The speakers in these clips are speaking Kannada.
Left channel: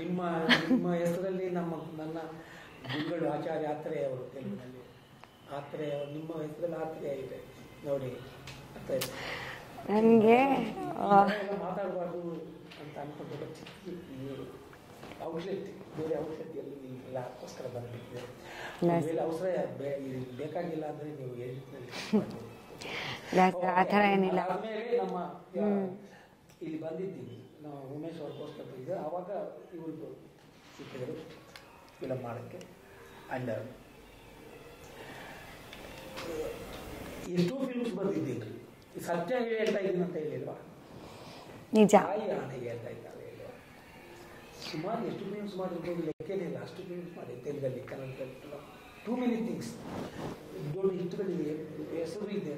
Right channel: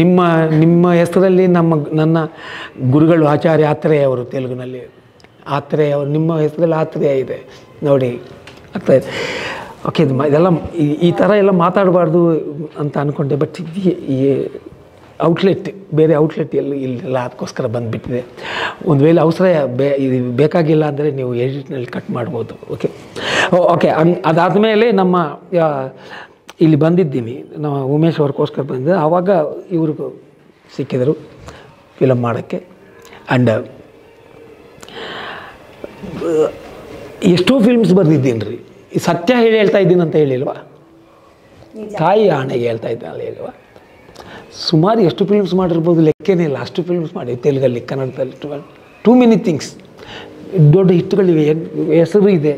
ನಿಮ್ಮ ನಿಮ್ಮ ಹೆಸರಲ್ಲಿ ನನ್ನ ಗುರುಗಳು ಆಚಾರ್ಯ ಆತ್ರೇಯ ಅವರು ತೆಲುಗಿನಲ್ಲಿ ಆತ್ರೇಯ ಅವರು ನಿಮ್ಮ ಹೆಸರಲ್ಲಿ ಆತ್ರೇಯ ಇದೆ ನೋಡಿ ಆಗ್ತಾ ಇದೆ. ಓಕೆ ಇದೆಲ್ಲ ಈ ಥರ ಎಲ್ಲ ಮಾತಾಡಬಾರ್ದು ಅಂತ ಅಂದ್ಕೊಂಡೆ. ಬಟ್ ಈ ಔಟ್ಲೆಟ್ ಬೇರೆ ಔಟ್ಲೆಟ್ ಇಲ್ಲ ಅದಕ್ಕೋಸ್ಕರ ಬಂದುಬಿಟ್ಟಿದೆ. ಒಂದು ವೇಳೆ ಅವಸರ ಬೇಕಾಗಿಲ್ಲ ಅಂದರೆ ನೀವು ಎಡಿಟ್ನಲ್ಲಿ ಕಟ್ ಮಾಡ್ಬೋದು. ಓಕೆ ಓಕೆ ಅದಾದಮೇಲೆ ನಮ್ಮ ಇಲ್ಲಿ ಬಂದಿದ್ದೀನಿ ನಮ್ಮ ಉಮೇಶ್ ಅವ್ರಿಗೋಸ್ಕರ ಬಂದಿದ್ದೆ. ಆವಾಗ ಇವ್ರಿಗೂ ಸಿಕ್ಕಿದರು ಫಿಲಮ್ ಮಾಡೋಕ್ಕೆ. ಆ್ಯಂಡ್ ಎಷ್ಟೋ ಫಿಲ್ಮ್ಸ್ ಬರೆದಿದ್ದೀನಿ ರೀ. ಸತ್ಯ ಹೇಳ್ತಾ ಇದ್ದೀನಿ ಅಂತ ಹೇಳಿಲ್ವಾ, ತಾಯಿ ಆಣೆಗೆ ಹೇಳ್ತಾ ಇದ್ದಾನಲ್ಲ ಹೇಳಿಲ್ವಾ. ಸುಮಾರು ಎಷ್ಟು ಫಿಲ್ಮ್ಸ್ ಮಾಡಿರ್ಬೋದು ಲೆಕ್ಕನೇ ಇಲ್ಲ. ಅಷ್ಟು ಫಿಲ್ಮ್ಸ್ ಮಾಡಿ ತೆಲುಗಲ್ಲಿ ಕನ್ನಡದಲ್ಲಿ ಟೂ ಮೆನಿ ಥಿಂಗ್ಸ್. ದೊಡ್ಡ ಹಿಟ್ಟುಗಳಿವೆ, ಹೆಸರು ಇದೆ.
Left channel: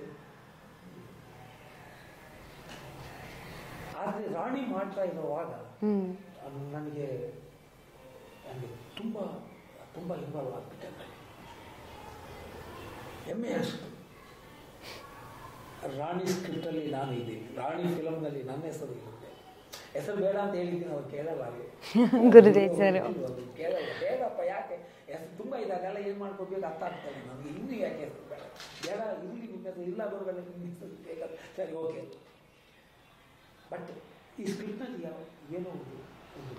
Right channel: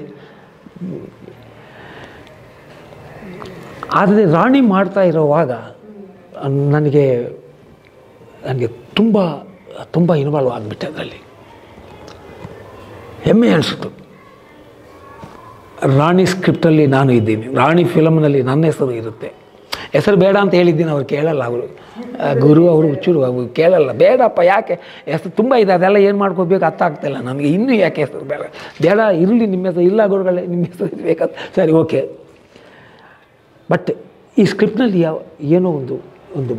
ಆದರೆ ರಾಣಿ ಮಾಡ್ತಾ ಇರೋವಾಗ ನನಗೆ ತುಂಬ ತುಂಬ ಇನ್ವಾಲ್ವ್ ಆಗಿಬಿಟ್ಟೆ. ಅದರಲ್ಲಿ ಹೆಮ್ಮೆ ಅನಿಸ್ತು. ರಾಣಿ ಸ್ಕ್ರಿಪ್ಟಲ್ಲಿ ನಾನು ಇದ್ದೀನಿ, ರಾಣಿ ಫಿಲಮ್ನಲ್ಲಿ ನನ್ನ ಹೆಸರು ಇರುತ್ತೆ. ಹೆಸರು ಬೇಡ ಅಂತ ಹೇಳಿದ್ದೀನಿ, ಅವ್ರು ಕೇಳಲ್ಲ. ಅವರು ಗುರು ಅವರು ಹುಚ್ಚುರು ಅವರು ಕೇಳಲ್ಲ. ಬೇಡಪ್ಪ, ಯಾಕೆ ಹೆಸರು ತುಂಬ ಇದೆ, ಅದೆಲ್ಲ ಏನು ಮಾಡ್ಕೋಬೇಕು ಅರ್ಥ ಆಗ್ತಾಯಿಲ್ಲ ನನಗೆ. ಇನ್ನೂ ಯಾಕೆ ಹೆಸರು ಬೇಡ ಬೇಡ ಇರಲಿ ನಿಮ್ಮ ಹೆಸರು. ಇಲ್ಲ ಗುರುಗಳೇ ನಿಮ್ಮ ಹೆಸರು ಇರಬೇಕಂತ. ಸರಿ ಓಕೆ. ಬಟ್ ಈ ಸ್ಕ್ರಿಪ್ಟ್ನಲ್ಲಿ ಏನೋ ಒಂದು ಒಂದು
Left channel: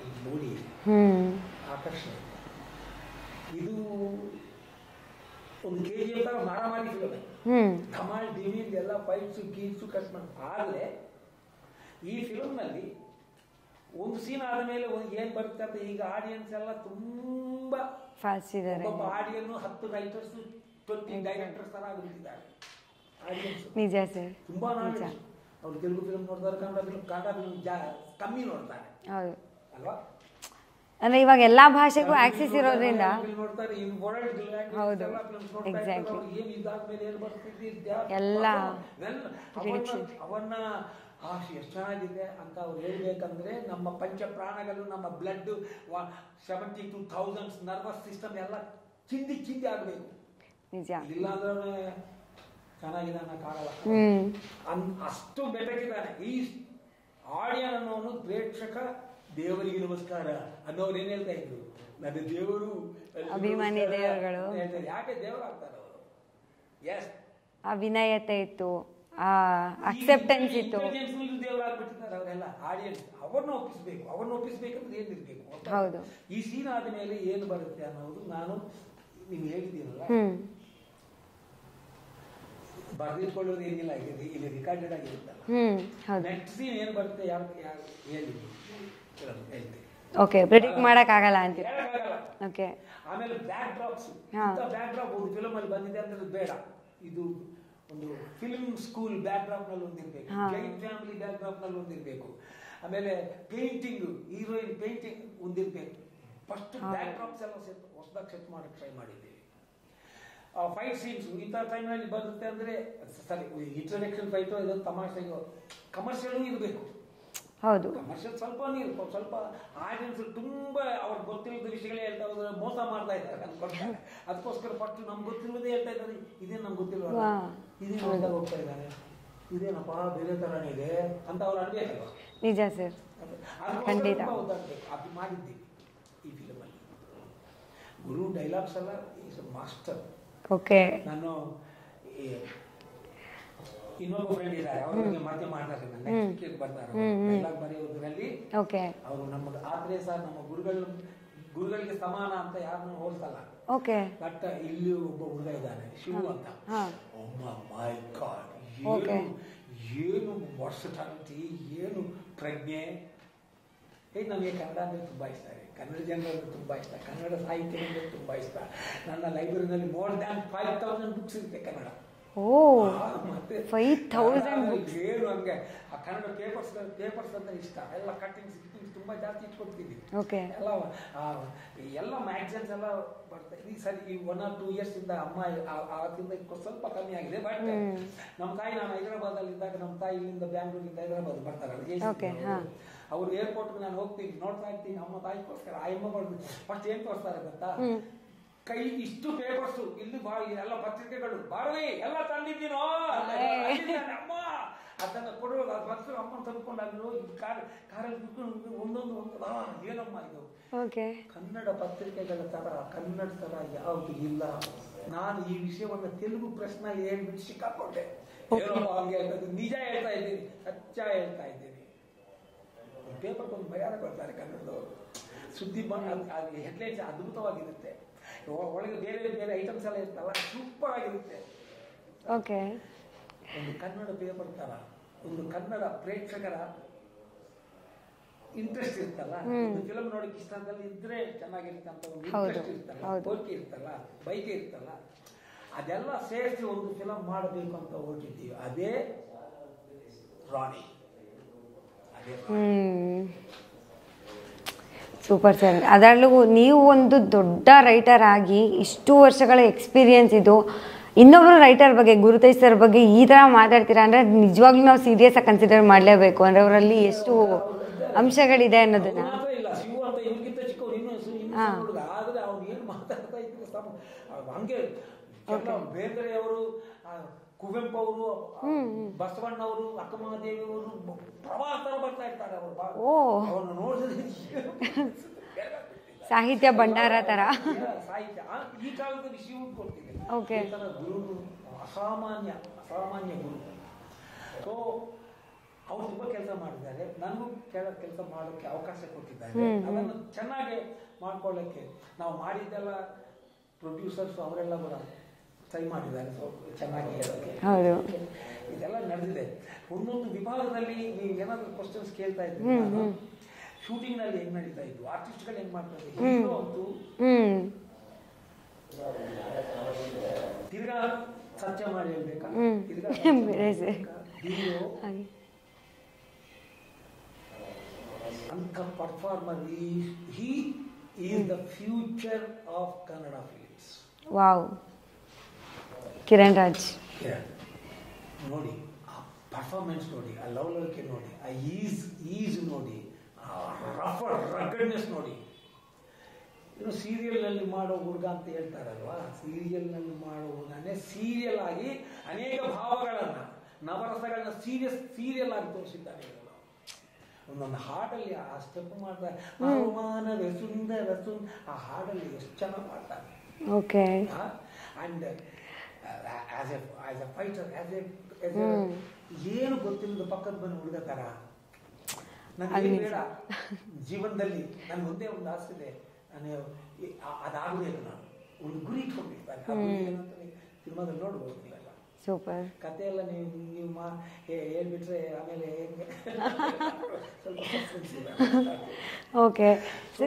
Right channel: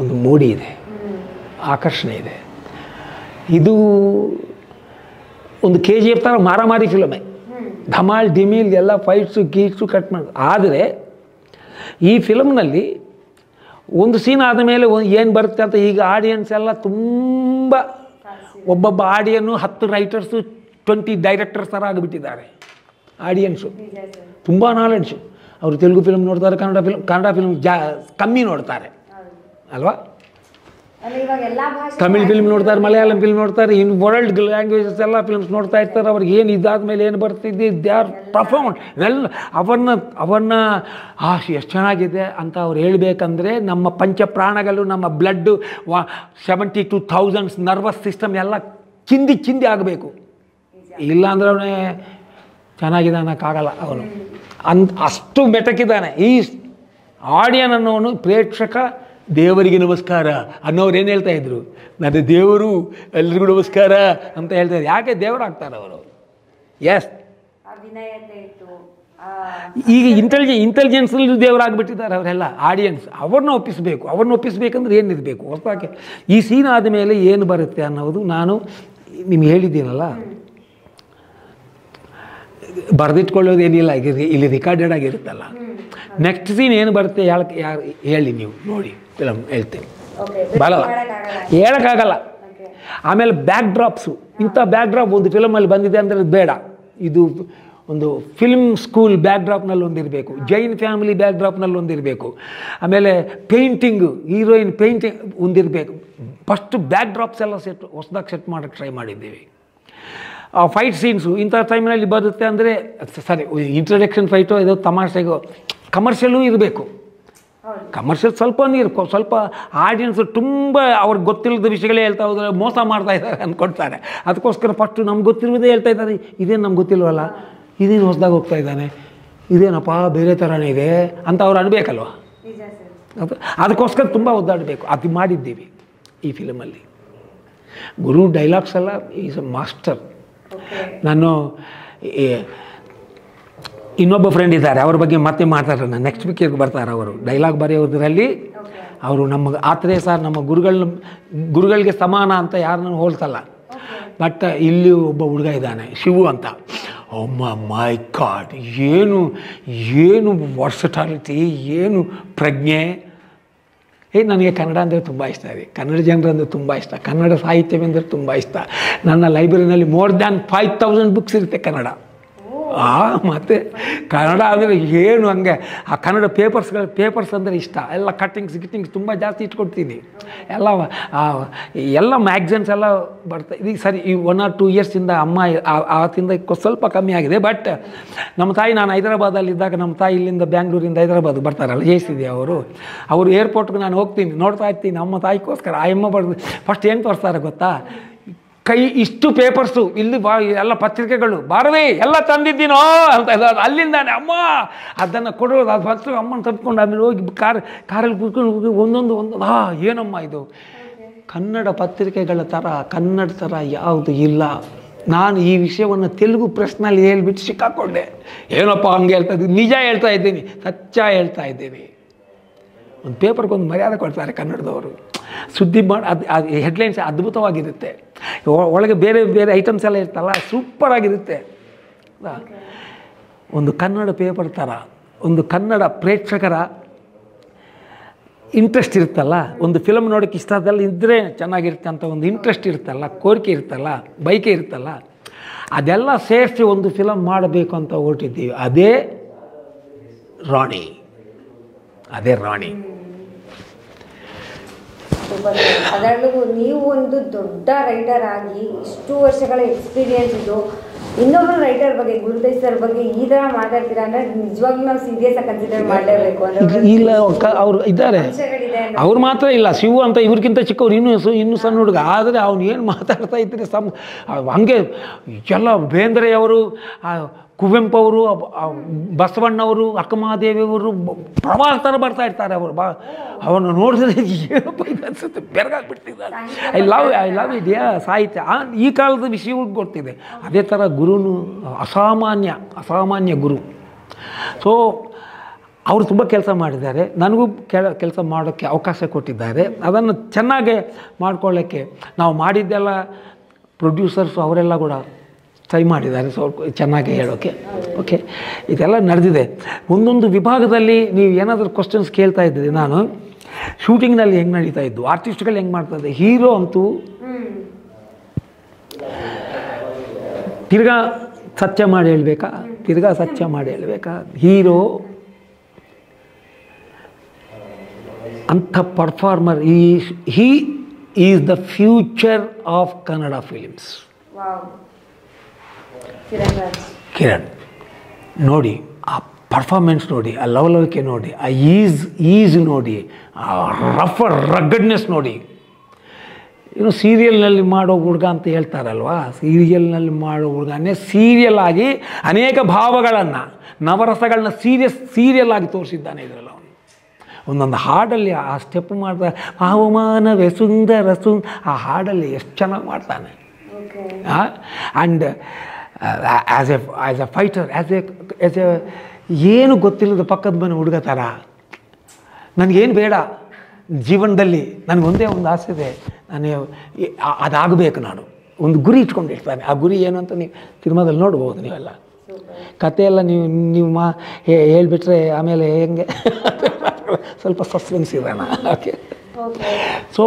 ಒಂದು ಮೋಡಿ ಇದೆ, ಆಕರ್ಷಣೆ ಇದೆ. ಇದು ಒಂದು KGF ಥರ ಮಾರಾಮಾರಿ ಫಿಲಮೇ. ಧಮಾಲ್ ಡಿಮಿಲ್ ಎಲ್ಲ ಫೈಟ್ಸು ಗೀಟ್ಸು ಕಟ್ ಮಾಡಿ. ಆದರೆ ಈ ಫಿಲಮ್ನಲ್ಲಿ ಒಂದು ಸೀನ್ ಆದಮೇಲೆ ಏನು ಬರುತ್ತೆ ಅಂತ ಈಗ ಆಡಿಯನ್ಸ್ ಎಲ್ಲ ತುಂಬ ಒಬ್ಬೊಬ್ಬ ಆಡಿಯನ್ನು 10 ರೈಟರ್ಸು 20 ಡೈರೆಕ್ಟರ್ಸ್ ಥರ ಆಗಿಬಿಟ್ಟಿದ್ದಾರೆ. ಆಡಿಯನ್ಸು ತುಂಬ ನಾಲೆಡ್ಜು. ಅವರು ತೆಲುಗು ಫಿಲ್ಮ್ ನೋಡ್ತಾರೆ, ಕನ್ನಡ ಫಿಲ್ಮ್ ಕಮ್ಮಿ ನೋಡ್ತಾರೆ ಅಲ್ವಾ. ತಮಿಳ್ ಫಿಲ್ಮ್ ನೋಡ್ತಾರೆ, ಮಲಯಾಳಂ ಫಿಲ್ಮ್ ನೋಡ್ತಾರೆ, ಇನ್ನು ವರ್ಲ್ಡ್ ಲ್ಯಾಂಗ್ವೇಜಸ್ ಎಲ್ಲ ಫಿಲ್ಮ್ಸ್ ನೋಡ್ತಾ ಇರ್ತಾರೆ. ಅವ್ರಿಗೆ ಏನು ಇದಾದ್ಮೇಲೆ ಏನು ಬರ್ತಿದ್ದೆ ದೇ ಆರ್ ಪರ್ಫಾರ್ಮೆಂಟ್ ಎಲ್ಲ ಅವನ್ನ ಎಷ್ಟು ಚೆನ್ನಾಗಿದೆ ಅಂತ ಅವ್ರು ಹೇಳಬೇಕಂದ್ರೆ ನಮ್ಮ ಪಂಚಪ್ರಾಣಗಳು, ನಮ್ಮ ಬ್ಲಡ್ಡು 72,000 ನರ್ವಸ್ ಸಿಸ್ಟಮ್ ಎಲ್ಲ ಚಿಂದಿ ಆಗಬೇಕು. ಇಲ್ಲಾಂದ್ರೆ ಅವನೇ ಚೆನ್ನಾಗಿದೆ ಅನ್ನೋಕ್ಕಾಗಲ್ಲ. ಅವನು ಅಷ್ಟು ಮೆಟಕಿದ್ದಾನೆ. ಈ ಆಡಿಯನ್ ಅನ್ನೋನು ಪ್ರೇಕ್ಷಕ ದೇವರಿಗೆ ನಮಸ್ಕಾರ ಅನ್ನೋರು ಏನು ಹೇಳ್ತಾ ಇದ್ರು, ನನ್ನ ದೇವರು ಎಲ್ರಿಗೂ ನಮಸ್ಕಾರ ಅಂತ ಹೇಳ್ತಾ ಇದ್ರು. ಯಾಕೆ ದೇವರಾಗ್ತಾರೆ ಅವರು? ಎಸ್, ವಿನಯತೆ ಇತ್ತು. ಈಗ ಇಂಟೆಲಿಜೆನ್ಸ್ ದೇವರಾಗ್ಬಿಟ್ಟಿದ್ದಾರೆ ಅವರೆಲ್ಲ ಆಡಿಯನ್ಸ್. ಅವ್ರನ್ನ ಒಪ್ಪಿಸ್ಬೇಕಂದ್ರೆ ಏನಿರಬೇಕು ಹೊಸದಾಗಿ. ಈ ಸೀನ್ ಆದಮೇಲೆ ಏನು ಬರುತ್ತೆ ಅನ್ನೋದು ನಾನು ನಿಮ್ಗೆ ಹೇಳಿದ್ದೀನಲ್ಲ. ಬರೆದಿಟ್ಕೊಳ್ಳೋದೇನಿಲ್ಲ, ಇಲ್ಲಿ ರಿಕಾರ್ಡೆಡ್ ಆಗಿರುತ್ತಲ್ಲ. ನೆಕ್ಸ್ಟ್ ಸೀನ್ ಏನು ಬರುತ್ತೆ ಯಾರು ಹೇಳಿ ನೀವು ನೋಡಿ, ಫಿಲಮ್ ಹೇಳ್ತೇನೆ. ಹೇಳೋಕ್ಕಾಗಲ್ಲ. ಆಮೇಲೆ ಬ್ಯಾಕ್ ಡ್ರಾಪ್ಸು, ಇಂಥ ಬ್ಯಾಕ್ ಡ್ರಾಪ್ ಒಂದು ಫಿಲಮಲ್ಲಿ ಬಂದಿದೆ ಅಂದರೆ ಬೇಡ. ಇದು ಒಂದು ಫಿಲ್ಮ್ ಸ್ಕೂಲ್ ಬ್ಯಾಕ್ ಡ್ರಾಪ್ನಲ್ಲಿ ಒಂದಿರಬೇಕು, ಜೈನ್ ಫ್ಯಾಮಿಲಿ ಬ್ಯಾಕ್ ಡ್ರಾಪ್ನಲ್ಲಿ ಒಂದಿರಬೇಕು, ಆಮೇಲೆ ಪೇಂಟಿಂಗು, ಹೀರೋಯಿನ್ ಪೇಂಟಿಂಗ್ ಒಂದಿರಬೇಕು. ಫಸ್ಟ್ ಬ್ಯಾಕ್ ಡ್ರಾಪ್ಸ್ ಎಲ್ಲ ಹೊಸದಾಗಿ ಸೆಟ್ ಮಾಡೋಕ್ಕೆ ಟ್ರೈ ಮಾಡಿದ್ದೀವಿ. ಫೈಟ್ ಸೀನ್ಸು ಇಂಥ ಟೈಮ್ನಲ್ಲಿ ಬರುತ್ತೆ ಅಂದರೆ ಸರಿ, ಇಂಟ್ರಡಕ್ಷನ್ ಫೈಟು ಇದು ತಮಾಷೆಗೂ ಕಮರ್ಷಿಯಲ್ಲೂ ಇರಬೇಕು. ಕಮರ್ಷಿಯಲ್ ಸ್ವಲ್ಪ ಆಡಿಯನ್ಸು ತುಂಬ ಅವ್ರಿಗೆ ಗೊತ್ತಿಲ್ಲದ ವಿಷಯಗಳೇ ಹೇಳ್ತಾ ಹೋದರೆ ಮೋಸ ಮಾಡ್ತಾ ಇದ್ದಾರೆ ಅಂದ್ಕೊಡ್ತಾರೆ. ಅದಕ್ಕೋಸ್ಕರ ಫಸ್ಟು ನಮ್ಗೆ ಗೊತ್ತಿರೋದೇ ಹೇಳ್ತಾ ಇದ್ದಾರೆ. ಇದೇನು ನಮ್ಗೆ ಗೊತ್ತಿಲ್ವಲ್ಲ, ಇದೇನು ಹೊಸದಾಗಿ ಹೋಗ್ತಾ ಇದ್ದಾನೆ, ಇದೇನಪ್ಪ ಬೇರೆ ಥರನೇ ಇದೆ ಅಂತ ಅವ್ರು ಅನ್ಬೇಕಲ್ವ. ಅದಕ್ಕೋಸ್ಕರ ತುಂಬ ಒದ್ದಾಡಬೇಕು. ಅದು ಮಾಡಿದ್ದೀವಿ ಈ ಫಿಲಮಲ್ಲಿ. ಗುರು ಡೈಲಾಗ್ಸ್ ಎಲ್ಲ ಈಸ್ ಅ ಮಾಸ್ಟರ್. ನಾನು ಇನ್ನೊಬ್ಬ ಫ್ರೆಂಡ್ ಇದ್ದಾರೆ, ಅವ್ರ ಬಗ್ಗೆ ಮತ್ತೆ ಮಾತಾಡೋಣ. ನೆಕ್ಸ್ಟ್ ವೀಕಿಗೆ ಬರ್ತಾರೆ ಅವರು. ಡೈಲಾಗ್ ಬರೆಯೋದ್ರಲ್ಲಿ ಅವರು ನಮ್ಮ ಆತ್ರೇಯ ಸರ್ ನಮ್ಮ ಗುರುಗಳಿಗೆ ಸಮಾನ ಅಂತ ಯಾರನ್ನ ಹೋಲ್ಸಲ್ಲ. ಬಟ್ ಇಲ್ಲಿ ಒಬ್ಬ ಹುಡುಗ ಇದ್ದಾನೆ ಶಿವು ಅಂತ. ಮೈ ಗಾಡ್, ಏನು ವರ್ಸಟಾಲಿಟಿ, ಏನು ಪ್ರಜ್ಞೆ. ನನಗೆ ಕನ್ನಡ ಅಂದರೆ ತುಂಬ ಇಷ್ಟ ಇದೆ, ಕನ್ನಡ ಜನರಂದರೆ ತುಂಬ ಇಷ್ಟ, ಕನ್ನಡ ಸಾಹಿತ್ಯವೆಂದರೆ ತುಂಬ ಇಷ್ಟ. ನನ್ನ ಲೈಬ್ರರಿನಲ್ಲಿ ಮೋರ್ ದ್ಯಾನ್ 5,000 ಬುಕ್ಸ್ ಇರುತ್ತೆ ಕನ್ನಡ. ಮತ್ತು ಕನ್ನಡ ಅಂದರೆ ಏನು ಹಂಗೆ ಆ ಕನ್ನಡ ಪೇಪರ್ಸ್ ಅಂದರೆ ಇಷ್ಟ. ಎಲ್ಲ ಗಿಟ್ಟಿಂಗ್ಸ್ ತುಂಬ ಜಾಸ್ತಿ ಇಟ್ಕೊಡ್ತೀನಿ. ಎಲ್ಲ ಮ್ಯಾಗ್ಝಿನ್ಸ್ ಎಲ್ಲ ಬರ್ತಾ ಇದೀಗ. ಸರಿ, ಈ 1 or 2 ಇಯರ್ಸಿಂದ ಅಮ್ಮ ಆವತ್ತಿಂದ ಸ್ವಲ್ಪ ಕಮ್ಮಿ ಆಗಿದೆ. ಬಟ್ ನಮ್ಮ ತಾಯಿ, ನಾನು ಹೈದರಾಬಾದಲ್ಲಿದ್ದಾಗ ನಮ್ಮ ತಾಯಿ ಇಲ್ಲಿಂದ ಬ್ಯಾಂಗ್ಳೂರಿಂದ ಹೈದರಾಬಾದ್ ಬರ್ತಾರಲ್ಲ ಜಯಿಸಿದೆ ಅವರು ಏರ್ಪೋರ್ಟ್ಗೆ ನಾನು ಹೋಗ್ತೀನಿ, ನೋಡ್ತಾ ಇರ್ತೀನಿ. ನಮ್ಮ ತಾಯಿಗೋಸ್ಕರ ಆ ಅಮ್ಮ ಬರ್ದು ಫಸ್ಟ್ ಏನು ತೋರಿಸ್ತಾರೆ ಗೊತ್ತಾ, ಕೈ ಇಷ್ಟು ಪೇಪರ್ಸು ಇಲ್ಲಿ ಎಲ್ಲ ಪತ್ರಿಕೆಗಳು ಬಾರವೇ ಎಲ್ಲ ತಂದಿದ್ದೀನೋ ಅಂತ ಅಲ್ಲಿಂದಾನೆ ಅಮ್ಮ ಅದನ್ನು ಕೊಡೋದು ಅದು ಫಸ್ಟ್ ಅಮ್ಮನ ತಪ್ಪಿಕೊಂಡು ಆಮೇಲೆ ಹೋಗಿ ಕಾರಲ್ಲಿ ಕೂತ್ಕೊಂಡು ಹೋಗಿ ಒಂದೊಂದು ಏನಮ್ಮ ಇದು ಕನ್ನಡ ಪತ್ರಿಕೆಗಳ ಥರ ಕನ್ನಡ ಥರ ಯಾವುದು ಇಲ್ಲ. ನಾನು ಈ ವಿಷಯವನ್ನು ತೆಲುಗು ಪ್ರೆಸ್ನಲ್ಲಿ ಹೇಳ್ಬಿಟ್ಟು ಸಿಕ್ಕಾಕೊಂಡೆ. ಏನಪ್ಪ ಹಂಗೆ ಹೇಳ್ತಾ ಇದ್ದೀನಿ, ನಿಜ ಹೇಳ್ತಾ ಇದ್ದೀನಿ, ಸಚ್ಚ ಹೇಳ್ತಾ ಇದ್ದೀನಿ. ಒಂದು ಪೇಪರ್ಗೊಂದು ಮರ್ಯಾದೆ ಕೊಡ್ತಾರೆ ಕನ್ನಡದವರು. ಸುದ್ದಿ ಮಾಡಿ ಅದು ಹೆಡ್ಲೈನ್ಸ್ ಅದ್ಭುತವಾಗಿರುತ್ತೆ, ಒಳಗೆ ಬೇರೆ ಬೇರೆ ಐಟಮ್ಸ್ ಎಲ್ಲ ಇರ್ತಲ್ಲ, ಸೂಪರಾಗಿರುತ್ತೆ. ಒಂದು ಕನ್ನಡ ಪೇಪರ್ ಥರ ಒಂದು ಕನ್ನಡ ಪ್ರೇಕ್ಷಕರ ಇಂಟ್ರೆಸ್ಟ್ ಇರುತ್ತಲ್ಲ, ಒಂದು ಫಿಲಮ್ ನೋಡೋಕ್ಕೆ ಇಷ್ಟದಲ್ಲ ಇದ್ದರೆ ಚೆನ್ನಾಗಿರುತ್ತೆ ಅಂತ ಒಂದು ಇಂಟ್ರೆಸ್ಟ್ ಇರುತ್ತಲ್ಲ, ಕೋರಿಕೆ ಇರುತ್ತಲ್ಲ, ಬಯಕೆ ಇರುತ್ತಲ್ಲ, ಅದೆಲ್ಲ ಸೇರಿಸಿ ಒಂದು ಫಿಲಮ್ ಮಾಡಬೇಕು ಅಂತ ಹೊರಟಿದ್ದೀವಿ. ಅದೇ ರಾಣಿ. ಅದರಲ್ಲೂ ನೀವು ಒಂದು ದೊಡ್ಡ ರೈಟರ್ ಆಗಿ ಇಷ್ಟು ವರ್ಷಗಳ ಎಕ್ಸ್ಪೀರಿಯನ್ಸ್ ಇದು, ಇನ್ನೊಬ್ರು ರೈಟರ್ ಬಗ್ಗೆ ಗುರುತೇಜ್ ಸರ್ ಬಗ್ಗೆ ಈ ತರ ಮಾತಾಡ್ತೀರಾ ಅಂದ್ರೆ ನಿಜವಾಗ್ಲೂ ನಾವು ಸೀರಿಯಸ್ ಆಗಿ ಕನ್ಸಿಡರ್ ಮಾಡಲೇಬೇಕು. ಅವ್ರು ಇದ್ದಾರೆ, ಅವ್ರು ಮಾತ್ರ ಇಲ್ಲ, ಶಿವು ಅಂತ ಇವ್ರಿಗಿಂತ ಚಿಕ್ಕವ್ರು ಇನ್ನೂ ಸಣ್ಣ ಹುಡುಗ. ಆದರೆ ಅವ್ನು ಏನು ಮಾತಾಡ್ತಾ ಇದ್ರೆ ಹಂಗೆ ಎಲ್ಲ ಬೇಂದ್ರೆಯವರು, ಕುವೆಂಪು ಅವರು, ಬಸವಣ್ಣವರು, ಅಕ್ಕಮಹಾದೇವಿಯವರು ಪ್ರವಾಸ ಥರ ಬರ್ತಾ ಇರ್ತಾರೆ. ಅವರು ಅವನು ನೋಡಿದ್ರೆ ಅನಿಸುತ್ತೆ, ಬೆರಗಾಗ್ಬಿಡ್ತಿದ್ದಾರೆ. ಐ ಲವ್ ಇದೆಯಾ ಸಾಹಿತ್ಯ. ಈ ಕಾಲದ ವಿಷಯಗಳು ಗೊತ್ತಿದೆ. ಅದೇ ಥರ ಗುರುನು ಅಸಾಮಾನ್ಯ ಗುರು. ಸೊ ಅವರು ತುಂಬ ಕೆಲಸ ಮಾಡಿದ್ದಾರೆ, ನನಗೂ ಕೆಲಸ ಮಾಡೋಕ್ಕೆ ಅವಕಾಶ ಕೊಟ್ಟಿದ್ದಾರೆ. ಅದನ್ನು ಚೆನ್ನಾಗೆ ಮಾಡ್ಕೊಳ್ಳೋಕ್ಕೆ ನಾವು ಮಾಡಿದ್ದೆಲ್ಲ ಪ್ರೊಡ್ಯೂಸರ್ಸು ಅವರೆಲ್ಲ ಕೂಡ ಟ್ರೈ ಮಾಡಿದ್ದಾರೆ ಸ್ವಲ್ಪ ಚೆನ್ನಾಗಿ ಹೇಳೋಕ್ಕೆ. ಓಕೆ, ಇದೆಲ್ಲ ನಡೆದಿದೆ. ಒಂದೊಂದು ವಿಭಾಗದಲ್ಲಿ ನೀವು ಏನಾದರೂ ಕ್ವಶನ್ಸ್ ಕೇಳ್ತಾ ಇದ್ದಿದೆ. ನಾನು ಶೂಟಿಂಗ್ನಲ್ಲಿ ಹೆಂಗೆ ನಡೀತಾ ಇದ್ದು, ಆರ್ಟಿಸ್ಟ್ಗಳು ಹೆಂಗೆ ಮಾಡ್ತಾ ಇದ್ದೆ, ಹೀರೋ ಅಂತೂ ತಿರ್ಗಾ ಸತ್ಯ ಮಾಡಿ ಹೇಳ್ಬೇಕಾ, ಹೀರೋ ಅಂಥ performer. He is the future of Kannada films. Kiran ನೋಡಿ, ಆ ಪರ್ಫಾರ್ಮೆನ್ಸ್ ನೋಡಿ, ಆ ಲವಲವಿಕೆ ನೋಡಿ, ಆ ಈಸ್ ನೋಡಿ, ಆ ರಗ್ಗಡ್ನೆಸ್ ನೋಡಿ. ಸೀರಿಯಲ್ನಲ್ಲಿ ಮಾಡೋ ಹುಡುಗ ಅಂತ ಹೇಳ್ತಾರಲ್ವ, ಸೀರಿಯಲ್ನಲ್ಲಿ ಮಾಡೋ ಹುಡುಗನೇ ಸೀರಿಯಲ್ ಆಗಿ ಅನೇಕ ಭಾವಗಳನ್ನು, ನವರಸಗಳನ್ನ ಸೀರಿಯಲ್ ಆಗಿ ತೋರಿಸಿದ್ದಾನೆ ಇದರಲ್ಲಿ. ಅವನು ಒಂದೊಂದು ಹಾಡಲ್ಲಿ ಆ ಸ್ಟೆಪ್ ಮಾಡ್ತಾ ಅವಮಾನವೇ ಸುಂದರ ಆ ಹಾಡಲ್ಲಿ ಎಷ್ಟು ಚೆನ್ನಾಗಿ ಮಾಡ್ತಾನೆ. And as A fighter, as A ಏನು ಗೊತ್ತಿಲ್ಲದ ಪಕ್ಕದ ಮನೆ ಹುಡುಗ ಥರ, ನನಗೇನು ಬೇಡ ಜೀವನದಲ್ಲಿ, ನನಗೊಂದೇ ಒಂದು ಆಸೆ ಇದೆ, ನಾನು ಅದಾಗಬೇಕು. ನಾನು ಒಂದು ಗುರಿ ಇಟ್ಕೊಂಡಿರ್ತಾನೆ. ಆ ಗುರಿ ಏನು ಅಂತ ನೀವು ಸಿನಿಮಾದಲ್ಲಿ ನೋಡ್ಬೋದು. ನೀವೆಲ್ಲ ಕಥೆಯೆಲ್ಲ ನೀವು ಹೇಳಿಬಿಟ್ರೆ ಆಮೇಲೆ ಹೆಂಗೆ ಸ್ವಲ್ಪ ಸಸ್ಪೆನ್ಸ್ ಇದೆ. ಓಕೆ, ಸೊ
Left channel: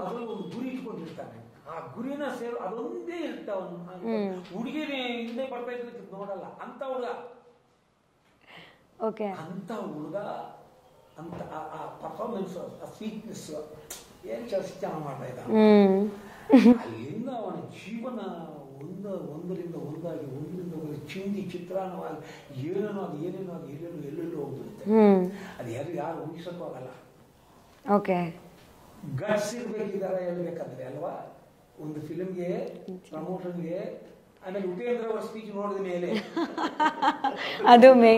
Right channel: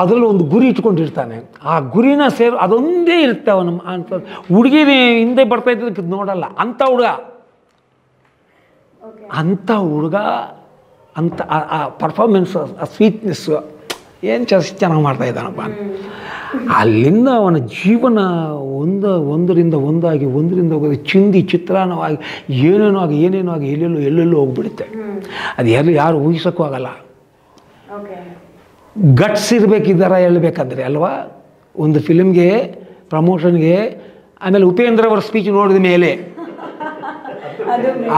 ಅದರಲ್ಲೂ ಒಂದು ಗುರಿ ಇಟ್ಕೊಂಡಿರ್ತಾನೆ. ಆ ಗುರಿನ ಅದೊಂದೇ ಇರುತ್ತೆ ಅವನು. ಅಂತ ಹುಡುಗಿನ ಹಿಂದೆ ಬರ್ತಾ ಇದ್ದದಕ್ಕೆ ನೋಡಲ್ಲ. ಅಂಥ ಹುಡುಗ ಅಂತ ಆ ಪರ್ಫಾರ್ಮೆನ್ಸ್, ಆ ಸ್ವೀಟ್ನೆಸ್ಸು ಏನು ಚೆನ್ನಾಗಿ ಮಾಡ್ತಾ ಇದ್ದಾನಪ್ಪ. ಅಲ್ಲಿಂದ ಅವನ ಜೀವನ ಒಂದರಿಂದ ಒಂದಾಗಿ ಹೋಗೋದು ಚಿಂದಿ ಚಿತ್ರಾನ್ನವಾಗಿ ಏನೇನೋ ಆಗಿ ಎಲ್ಲೆಲ್ಲೋ ಹೋಗ್ಬಿಡುತ್ತೆ. ಅದು ಯಾರು ಊಹಿಸೋಕ್ಕೂ ಆಗಲ್ಲ. ಗಟ್ಸ್ ಇರಬೇಕಿದ್ದಾರ ಹೇಳ್ಬೇಕಂದ್ರೆ ಅಲ್ವಾ, ಒಂದು ಫಿಲ್ಮ್ಗೆ ಪ್ರಮೋಷನ್ಗೆ. ಆಮೇಲೆ ಉಪೇಂದ್ರ ಅವರ ಸ್ಪೀಚ್ ನೋಡಿದ ಮೇಲೆ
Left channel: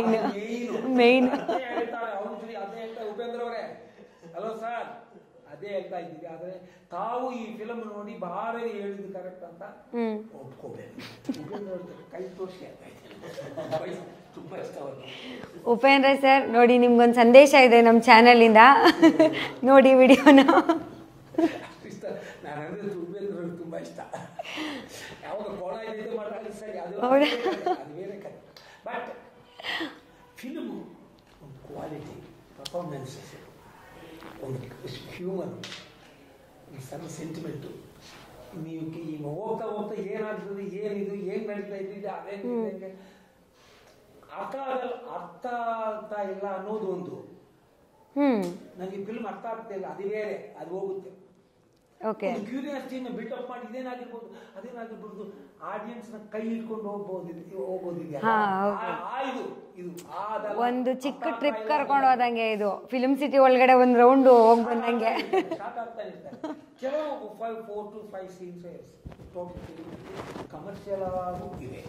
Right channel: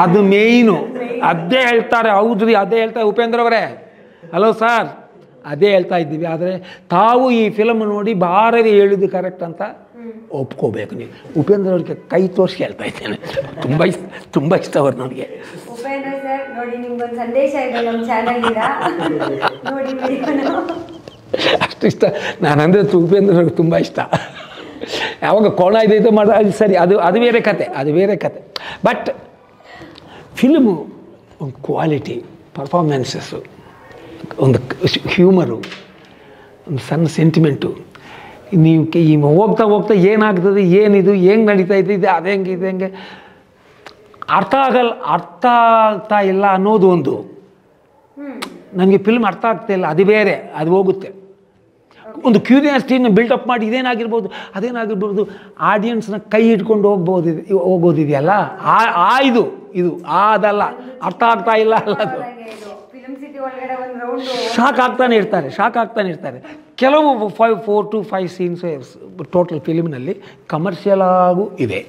ಅದು ಮೇಯ್ನು. ಅದೇ ಹೇಳ್ತಾರೆ. ಹೌದ್ರಿ, ಅದೇ ಹೇಳ್ತಾರೆ ಉಪೇಂದ್ರ ಅವರೇ. ಹಲೋ ಸರ್, ಅದೇ ಹೇಳ್ತಾ ಇದ್ದೀವಿ. ಆದರೆ ತಾವು ಈ ಫಿಲಮ್ ನೋಡಿ ಬಾರದೆ ಹೇಳಿದ್ದು ಕರೆಕ್ಟ್ ಅಂತ ಒಪ್ಕೋಬೇಕು ನೀವು. ಉಪೇಂದ್ರ ಅವ್ರಿಗೆ ಕೈ ತೋರಿಸಿ ಹೇಳ್ತಾ ಇದ್ದೇನೆ. ತುಂಬ ಇಷ್ಟ ಅವರು ನನಗೆ. ಉಪೇಂದ್ರ ಸರ್ ನೋಡಿ, ನಿಮ್ಗೊಂದು ಸಂದೇಶ ಇದೆ ನಮ್ಮ ಚಾನಲಿಂದ, ನೋಡಿ ವಿಡಿಯೋನ. ಅಷ್ಟು ಇಷ್ಟ ನಾನಂದರೆ ಉಪೇಂದ್ರ ಅವ್ರಿಗೆ ತುಂಬ ಇಷ್ಟ. ಯಾವಾಗ ಕೋಣ ಇದೈತೆ ಮಾಡ ಅದು ಸರಿ, ಅದು ಬೇರೆ ಕತೆ. ಬಟ್ ಫಿಲ್ಮು ಒಂದು ಕ್ವಾಲಿಟಿ, ಪರ್ಫಾರ್ಮೆನ್ಸಸ್ಸು, ಒಂದು ಹ್ಯೂಮರು, ಒಂದು ಸಣ್ಣ ಸೆಂಟಿಮೆಂಟು. ನೀವು ಹೋಗ್ತಾ ಏನಾಗ್ತದೆ, ಏನಿದು ಹೆಂಗೆ ನಡೀತಾ ಇದೆ, ಅದು ಹೆಂಗೆ ಅರ್ಥ ಆಗ್ತಾ ಇಲ್ಲ ಅನ್ನೋದು ಒಂದು. ನನಗೆ ಫಿಲ್ಮ್ ಅರ್ಥ ಆಗ್ತಾ ಇಲ್ಲ, ಅದು ಬೇರೆ, ಅದು ಹೋಗುತ್ತೆ. ಒಂದು ಕ್ಯೂರಿಯಾಸಿಟಿನ ಬಿಲ್ಡಪ್ ಮಾಡಿ ಅದೇನಾಗಿರ್ಬೋದು ಆಡಿಯನ್ಸ್ನ ಕೈ ಇಟ್ಕೊಂಡು ಹೋಗೋದಿದೆಯಲ್ಲ, ಇದು ಅದಲ್ಲ. ಅರ್ಥ ಆಗ್ತಾ ಇಲ್ಲ, ಫಿಲ್ಮ್ ಸಿಟಿ ಒಳಗಡೆ ಒಂದು ರೌಂಡ್ ಶಾಕ್ ಆಗ್ತಾನೆ ಇರ್ತಾರೆ. ಕೆಲವು 4 to 5 ಸೀನ್ಸ್ ಟೋಟಲ್ ಫಿಲಿಮ್ನಲ್ಲಿ ಕಮರ್ಷಿಯಲ್ ಆಗೂ ಇದೆ.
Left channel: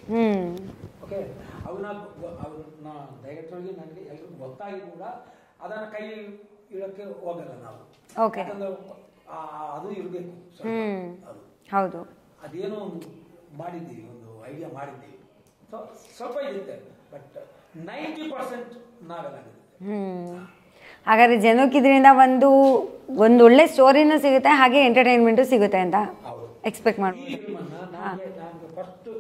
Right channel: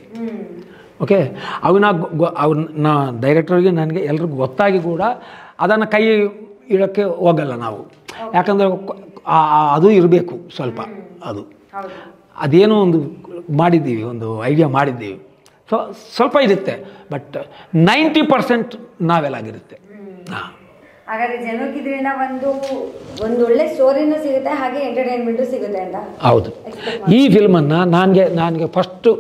ಓಕೆ, ಅವನ್ನ ಡೈರೆಕ್ಟರ್ಗೆ ನನಗೆ ಎಲ್ರಿಗೂ ಗೊತ್ತಾಗಿ ಕೂಡ ಅದನ್ನು ಕೈ ಇಡೋಕ್ಕೆ ಹೋಗಲ್ಲ ನಾವು. ಯಾಕಂದರೆ ಅದು ಇರಬೇಕು ಸ್ವಲ್ಪ. ಅದು ಅದೇನೋ ಒಂದು ಮಾಡಿದ್ದೀವಿ, ಒಂದು ಐಡಿಯಾ ಮಾಡಿದ್ದೀವಿ. ಸೊ ಸ್ವಲ್ಪ ಇರುತ್ತೆ, ಬಟ್ 90% ನಾವೆಲ್ಲಾಗಿರುತ್ತೆ. ಹಾಗಾದ್ರೆ ಜನಕ್ಕೆ ಇದರಿಂದ ಒಂದು ಒಳ್ಳೆ ಸ್ಟೋರಿನೂ ಸಿಗುತ್ತೆ, ಹಾಗೆ ಎಂಟರ್ಟೈನ್ಮೆಂಟು ಸಿಗುತ್ತೆ ಅಂತ. ಹೌದು. ಈ ಫಿಲ್ಮನ್ನು ನನಗೆ ಫಸ್ಟು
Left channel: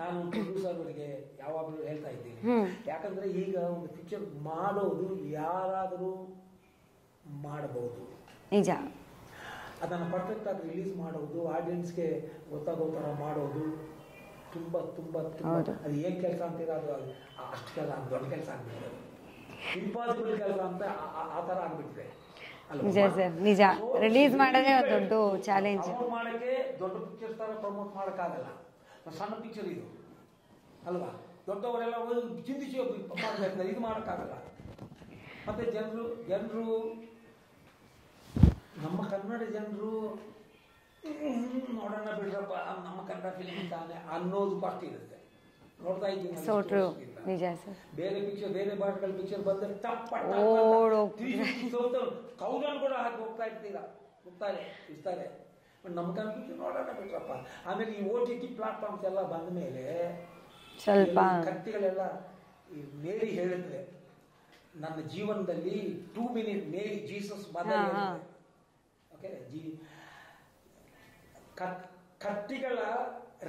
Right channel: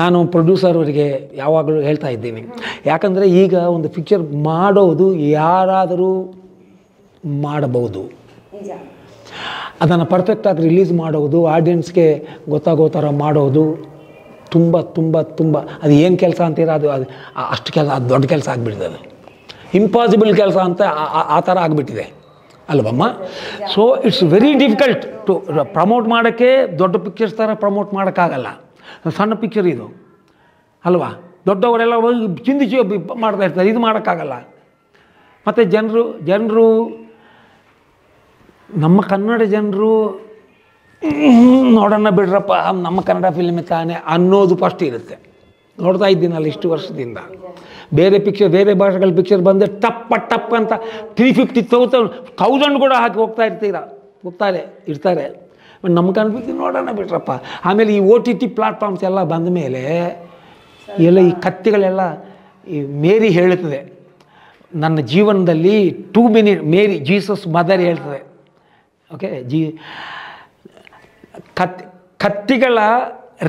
ನಾನು ಪ್ರೊಡ್ಯೂಸರ್ ಅವರಿಗೆ ಯಾವಾಗಲೂ ಹೇಳ್ತಾ ಇದ್ದೀನಿ. ಯಾಕಂದರೆ ಈಗ ಒಂದು ಪಿಕ್ಚರ್ ಮಾಡೋದು ಯಾರಾದರೂ ಮಾಡಬಹುದು, ನಿಜ. ಅದನ್ನು ಪರ್ಫೆಕ್ಟಾಗಿ ರಿಲೀಸ್ ಮಾಡೋದು, ಆಡಿಯನ್ಸ್ಗೆ ಗೊತ್ತಾಗೋ ಥರ ಮಾಡೋದು ತುಂಬ ತುಂಬ ತುಂಬ ಅದು ಏನು ಕೆಲಸ ಅಂತೀರ, ಅದು ಅಷ್ಟು ಕೆಲಸ, ಅದು ದೊಡ್ಡ ಕೆಲಸ ಆಗಿಬಿಟ್ಟಿದೆ. ಅದು ಇಂಪಾಸಿಬಲ್ ಕೆಲಸ ಅಂತ ಆ ಥರ ಆಗಿಬಿಟ್ಟಿದೆ ಅಲ್ವಮ್ಮ. So it's very difficult to promote ಮಾಡೋಕ್ಕೆ. ದೊಡ್ಡ ಪಿಕ್ಚರ್ಸ್ ಥರ ಪ್ರಮೋಟ್ ಮಾಡೋಕ್ಕಾಗಲ್ಲ, ಸಣ್ಣ ಪಿಕ್ಚರ್ ಇದು ಅಲ್ವಾ. ದೊಡ್ಡವರೆಲ್ಲ ಚಿಂದಿಸಿ ಮಾಡ್ತಾ ಇರ್ತಾರೆ, ಇದು ಮಾಡೋಕ್ಕಾಗಲ್ಲ. ಮತ್ತು ಜನರು ನಮ್ಮ ಕನ್ನಡ ಜನರು ನೋಡೋಣ ಬಿಡ್ರಪ್ಪ, ನಮ್ಮ ಕನ್ನಡ ಫಿಲ್ಮ್ ತಾನೆ ಅನ್ನೋದು ಫಸ್ಟ್ ಇರುತ್ತೆ. ನೋಡ್ತಾ ಇದ್ದೀನಲ್ಲ ಇಷ್ಟು ವರ್ಷದಿಂದ. ಬೇರೆ ಭಾಷೆಗಳ ಪಿಕ್ಚರ್ ಬಂದರೆ ಟಪ್ ಅಂತ 350,000 ಕೂಡ ಹಾಕಿ ಇರ್ತಾರೆ. ನಮ್ಮ ಕನ್ನಡ ಪಿಕ್ಚರ್ ನೋಡೋಣ ಬಿಟ್ರಪ್ಪ. ಆಮೇಲೆ ಈ OTT ಪ್ಲಾಟ್ಫಾರ್ಮ್ಸ್ ಎಲ್ಲ ಬಂದ ಮೇಲೆ ಎಲ್ಲ ಈ ಕತ್ತೆಗಳೆಲ್ಲ, ಈ ಮೇರಿ ಹೇಳುತ್ತದೆ ನನ್ನ ಜೀವನದಲ್ಲಿ 2 minutes, ಮೇರಿ ಜೀಸಸ್ ಮದರ್ ಹೇಳ್ತದೆ. ಓಕೆ, ಕತ್ತಿಗಳ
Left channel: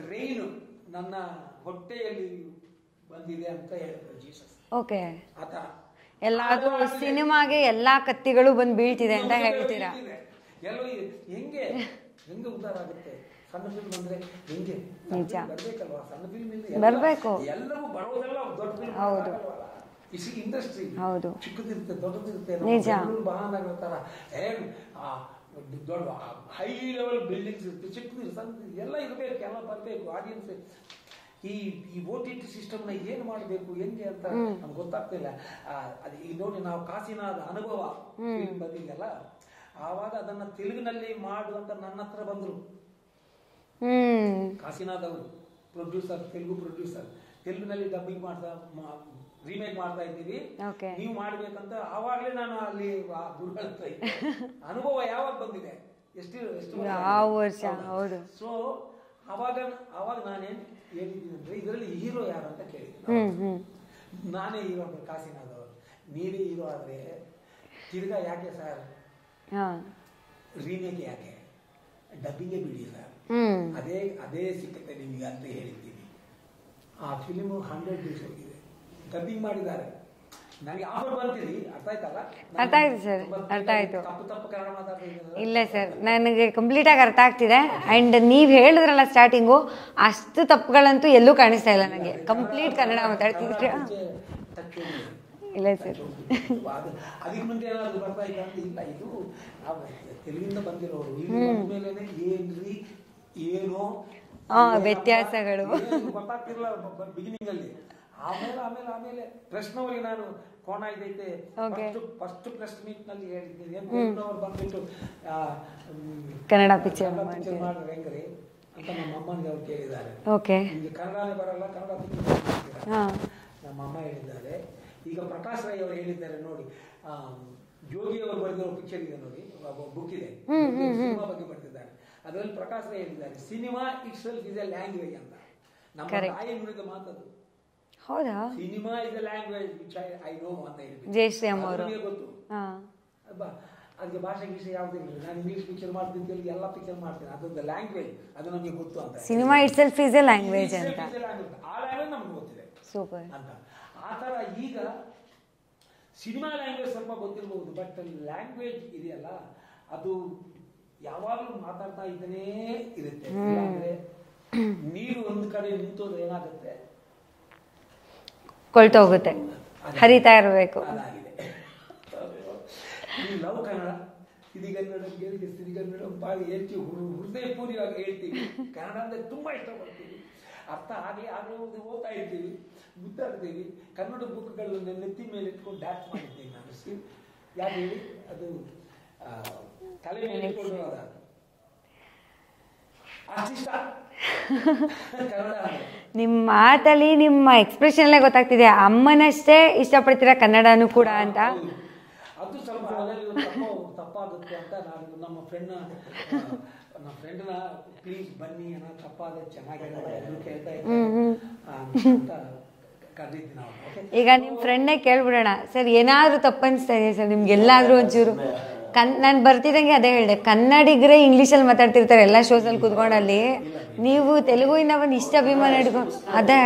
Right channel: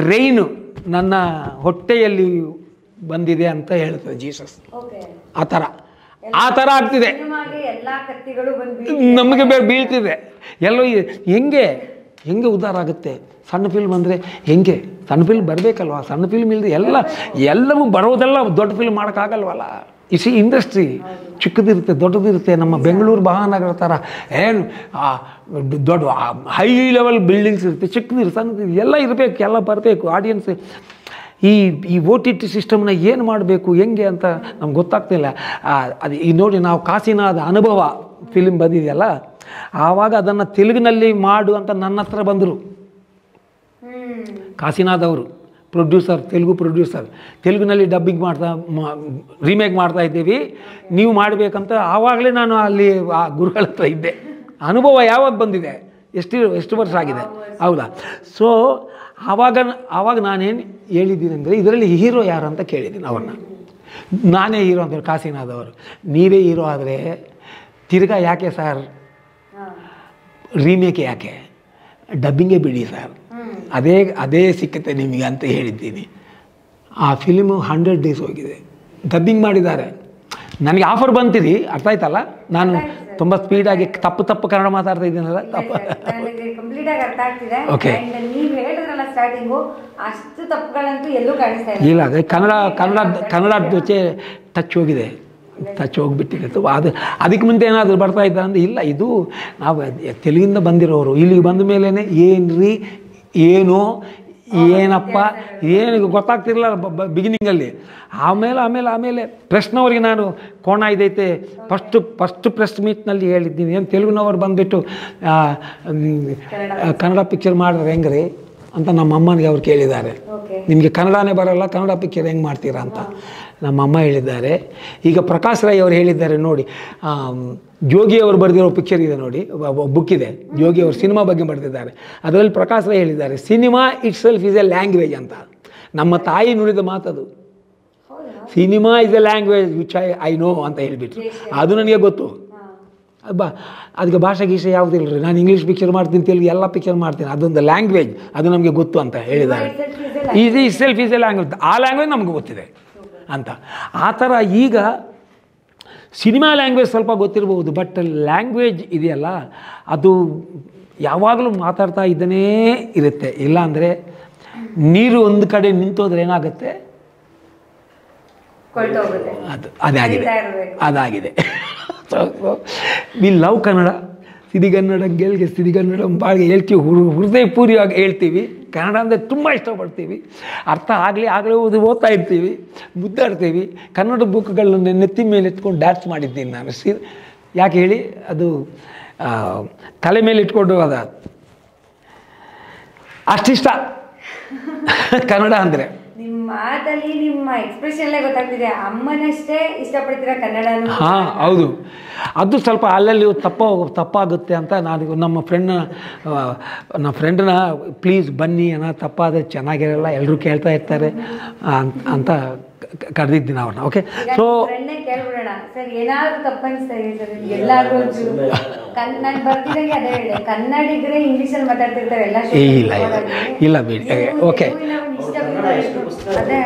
ರೈನು ನನ್ನ ಹೊಟ್ಟೆಯಲ್ಲಿ ಬಂದಿದೆ ಅಂತ ಹೇಳ್ತದೆ ಜೀಸಸ್. ಆ ಥರ ಆಗ್ತಿದೆ, ಎಲ್ಲ ಕತ್ತಿಗಳು ನಮಗೆ ಬೀಳ್ತಿದೆ. ಎಲ್ಲೋ ಹೆಂಗೆ ಉದ್ಧಾರ ಆಗುತ್ತೆ? ಸಣ್ಣ ಫಿಲ್ಮ್ ಅಂದರೆ ಹೆಂಗೆ? ಸಣ್ಣ ಫಿಲ್ಮ್ ಬರಬೇಕಲ್ವ? ಸಣ್ಣ ಫಿಲ್ಮ್ ಇಲ್ಲದೆ ಎಲ್ಲವೂ ಬರೋದೆಲ್ಲ ದೊಡ್ಡ ಫಿಲ್ಮ್ ಮಾಡೋಕ್ಕಾಗಲ್ವಲ್ಲ. ಇಸಿ ಇಂಡಸ್ಟ್ರಿ ಚಿಕ್ಕದಿರುತ್ತೆ, ದೊಡ್ಡದಿರುತ್ತೆ. ನಮ್ಮ ಬೆಂಗಳೂರು ಮಹಾನಗರ ಥರ ಏನು ದೊಡ್ಡ ಹೈ ಲೆವೆಲ್ ಬಿಲ್ಡಿಂಗ್ಸ್ ಇರುತ್ತೆ, ಚಿಕ್ಕದಿರುತ್ತೆ, ಸಣ್ಣದು ಎಲ್ಲ ಇರಬೇಕು, ಎಲ್ಲ ಬರಬೇಕು. ಆಡಿಯನ್ಸ್ ಈ OTT ಸಿಸ್ಟಮ್ನ ಏನು ಮಾಡಬೇಕು ಹೆಂಗೆ ಅಂತ ನಮ್ಗೆ ಗೊತ್ತಾಗ್ತಿಲ್ಲ. ಅದು ಈ ನೋಡಿ, ನಾವು ಕಾಸಿನಾದ ಅನುಭವ ಫಿಲ್ಮ್ ಬಂದಿದೆಯಲ್ಲ, ಆವಾಗ ಅದನ್ನು ತೆಲುಗಿನಲ್ಲಿ ಮಾಡು ಅಂತ ನನ್ನ ಹತ್ರ ಬಂದರು. ಕಾಸಿನಾಥ್ ಅವರು ತೆಲುಗು ಪ್ರೊಡ್ಯೂಸರ್. ತೆಲುಗಿನಲ್ಲಿ ಡಬ್ಬಿಂಗ್ ರೀಮೇಕ್ ಮಾಡ್ತಾ ಇದ್ದೀವಿ, ನೀವು ಮಾಡಬೇಕಂತ. ಆವಾಗಲೇ ನಾನು ಅಲ್ಲಿ ಆ ಗುರುಗಳ ಹತ್ರ ಇದ್ದೆ. ಅನುಭವ ಯಾವಾಗ ಬಂದಿದೆ, ಎಷ್ಟು ವರ್ಷ ಆಗಿದೆ, ಹೌದಾ? ಸೊ ಆವಾಗ ನಾನೇನು ಹೇಳಿದ್ದೀನಿ ಅಂದರೆ, ಇದರಲ್ಲಿ ಹೀರೋ ಯಾರು ಅಂತ ಕೇಳಿದ್ದೀನಿ ಅವನ್ನ. ನಾನೇ ಹೀರೋ ಅಂತ. ಕಾಸಿನಾಥ್ ಅವರು, ನೀವೇ ಹೀರೋ ಆದರೆ ತಿರ್ಗಾ ಯಾಕೆ ಸರ್ ರೀಮೇಕ್, ಯಾಕೆ ಡಬ್ಬಿಂಗೇ ಬಿಡಿ ಸರ್, ಅದೇ ಸಿಕ್ಕತ್ತೆ ನಿಮಗೆ ಅಂತ ಹೇಳಿದ್ದೀನಿ. ಆ ಫಿಲ್ಮು 100 days ಹೋಗಿದೆ, ಡಬ್ಬಿಂಗ್ ಮಾಡಿದ್ದಾರೆ. ನನಗೆ ಆಫರ್ ಬಂತಿರಿ, ಅರ್ಥ ಆಯ್ತಲ್ಲ? ನಾನು ತುಂಬ ಸ್ಪೀಡಾಗಿ ತಪ್ಪು ಕನ್ನಡ ಮಾತಾಡ್ತಾ ಇದ್ದೀನಲ್ಲ. ನನಗೆ ಕಂಪ್ಲೀಟ್ ಆಗಿ ಅರ್ಥ ಆಗ್ತಿದೆ. ಅಂಡ್ ನೀವು ಹೇಳಿದ್ರಲ್ಲ ಸ್ಟಾರ್ಟಿಂಗು, ಅಷ್ಟು ತಪ್ಪುಗಳಂತೂ ಎಲ್ಲೂ ಕಾಣಿಸ್ತಾ ಇಲ್ಲ. ಅದೇ ಕನ್ನಡ ಜೊತೆ ಟಚ್ ಹೋಗಿದೆ, ಟಚ್ ಹೋಗ್ಬಿಟ್ಟಿದೆ. ಅದಕ್ಕೆ ಮುಂದೆ ಏನಾದರೂ ಬರ್ತಾ ಇದ್ದ ಅಂದರೆ, ಇಲ್ಲ ಇದು ನಾವು ತೆಲುಗಿಂದ ಬಂದಿರೋರು, ಇಲ್ಲಿಗೆ ಬಂದ ಮೇಲೇ ಏನ್ರಿ ಏನೋ ಏನಪ್ಪ ಏನು ಗೊತ್ತಾಗ್ತಿರಲಿಲ್ಲ ಬಿಗಿನಿಂಗಲ್ಲಿ. ಆಮೇಲೆ ಪ್ರೆಸ್ನವ್ರಿಗೆ ನಾನು ಕೋಣ ಇದೈತೆ ಫಸ್ಟ್ ಪ್ರೆಸ್ ಮೀಟ್ನಲ್ಲಿ ಹೇಳಿದ್ದೀನಿ. ಏನು ತೆಲುಗಿನವ್ರು ಬಂದುಬಿಟ್ಟು ಕನ್ನಡ ಪಿಕ್ಚರ್ ಮಾಡಿದ್ರೆ ಹೆಂಗ್ರಿ ಅಂತ ನಮ್ಮ ಅಮ್ಮನಿಗೆ ಅವ್ರು ಕೇಳಿದ್ದಾರೆ. ನಿಮಗೆ ಕನ್ನಡನೇ ಬರೋಲ್ಲ, ಕನ್ನಡ ಪಿಕ್ಚರ್ ಹೆಂಗೆ ಮಾಡ್ತೀರಾ ಅಂತ ನಮ್ಮಮ್ಮ ಹೇಳಿದ್ದಾರೆ. ಈಗ ಪ್ರಕಾಶ್ ರೈ ಅವರು ಹೇಳಿದ್ದಾರೆ ನೋಡಿ, ಜೋಗಿ ಅವರು ಬರೆದಿರೋ ಪಿಕ್ಚರ್ ಇದೆ ನೋಡಿ, ಬುಕ್ ಇದೆ, ಜೋಗಿ ಅವರು ಸಿನಿಮಾ ಬಗ್ಗೆ ಬರೆದಿದ್ದಾರೆ. ಅದರಲ್ಲಿ ಪ್ರಕಾಶ್ ರೈ ಹೇಳಿದ್ದಾರೆ, cinema itself is a language ಅಂತ. ನಮ್ಮ ತಾಯಿ ನುಡಿದ ಮಾತದು. Cinema is a language which I know ಅಂತ ಹೇಳಿಬಿಟ್ಟು, ಅದು ನನಗೆ ಗೊತ್ತು. ಅದಕ್ಕೆ ಭಾಷೆ ಗೀಷೆ ಯಾವುದಿಲ್ಲ ರೀ, ನಾನು ಇಂಗ್ಲೀಷ್ ಪಿಕ್ಚರ್ ಮಾಡ್ತೀನಿ, ತೆಲುಗು ಎಲ್ಲ ಪಿಕ್ಚರ್ ಮಾಡ್ತೀನಿ, ಅದೊಂದು ಲ್ಯಾಂಗ್ವೇಜ್, ಅದು ನಮಗೆ ಗೊತ್ತು ಅಂತ ಹೇಳಿದ್ದಾರೆ. It self is a language, ಆ ಲ್ಯಾಂಗ್ವೇಜ್ ನಮ್ಗೆ ಗೊತ್ತಿದೆ ಅಂತ. ಆ ಥರ ಈಗ ಸಿನಿಮಾ ಲ್ಯಾಂಗ್ವೇಜ್ ಸ್ವಲ್ಪ ಗೊತ್ತಿರಬಹುದು, ಬಟ್ ಲ್ಯಾಂಗ್ವೇಜ್ ಇದೆಯಲ್ಲ ಅದು ಯಾವಾಗಲೂ ಮಾತಾಡ್ತಾ ಇದ್ದನೇ ಇರುತ್ತೆ. ಇಲ್ಲಾಂದರೆ ನೀರು ಒಂದು ಕಡೆ ನಿಂತೋದ್ರೆ ಏನಾಗುತ್ತೆ, ಕೊಳ್ತೋಗುತ್ತೆ. ಅದಾಗಿದೆ. ವಿ ಲವ್ ಕನ್ನಡ, ಸಿರಿಗನ್ನಡ ಗೆಲ್ಗೆ ಸಿರಿಗನ್ನಡ ಬಾಳಿಗೆ ಹೇಳ್ತೀವಿ, ಹೃದಯಪೂರ್ವವಾಗಿ ಹೇಳ್ತೀವಿ. ಕನ್ನಡ ಅಂದರೆ ತುಂಬ ಇಷ್ಟಪಡ್ತೀವಿ. ಅರ್ಥ ಆಗಲೇ ಓದ್ತಾ ಇರ್ತೀವಿ, ಮುದ್ದಾಡ್ತೀವಿ. ಕನ್ನಡ ಬುಕ್ಗಳನ್ನ ನೆತ್ತಿ ಮೇಲೆ ಎತ್ಕೊಂಡು ಡ್ಯಾನ್ಸ್ ಮಾಡಿದ್ದೀನಿ ನಾನು. ಯಾಕೆ ಹೇಳಿ, ಅದು ತಲೆ ಮೇಲೆ ಇಟ್ಕೊಂಡು ಅಷ್ಟಿಷ್ಟ ಕನ್ನಡ ಅಂದರೆ. ನಿಮ್ಮ ಮಾತಲ್ಲಿ ನಿಮ್ಮ ಎಕ್ಸ್ಪ್ರೆಷನ್ಲೇ ಗೊತ್ತಾಗ್ತಿದೆ, ಅಮ್ಮನಷ್ಟೇ ಇಷ್ಟಪಡ್ತೀರಾ ಕನ್ನಡನೂ ಕೂಡ ಹಾಂ ಅಂತ. ಹೌದು, ಅದು ಸ್ವಲ್ಪ ಅಲ್ಲಲ್ಲಿ ತಪ್ಪಾಗುತ್ತೆ ಅಂತ ನಾನು ನಮ್ಮ ಫ್ರೆಂಡ್ನ ಪ್ಲೀಸ್ ಬನ್ನಿ ಅನ್ನೋ ತಪ್ಪಾದರೆ ಚೆನ್ನಾಗಿರಲ್ಲ, ಎಲ್ಲರೂ ಕೇಳ್ತಾ ಇರ್ತಾರೆ ಅಂತ ಕರೆದಿದ್ದೀನಿ ಅವ್ರನ್ನ. ಓಕೆ, ಈಗ ಸೊ ಫ್ರೆಂಡೇ ಕೇಳ್ಬಿಡೋಣ ಸರ್, ಏನಾದ್ರು ತಪ್ಪನಿಸ್ತಾ ಇದೆ ಸರ್ ನಿಮ್ಗೆ ಎಲ್ಲಾದ್ರೂ ಒಂಚೂರು ನಾನು ಬರ್ತಿದಂಗೆ ಅದೇ ಹೇಳಿದೆ, ಕನ್ನಡಿಗರೇ ಇಂಗ್ಲೀಷಲ್ಲಿ ಮಾತಾಡ್ತಿರ್ತಾರೆ ಎಲ್ಲ ಶೋ ಇಲ್ಲ ಬಿಡಿ, ನೀವು ತೆಲುಗಿನ ಒಂದು ಇಷ್ಟ ಅಭಿಮಾನ ಇಟ್ಕೊಂಡು ಅದೇ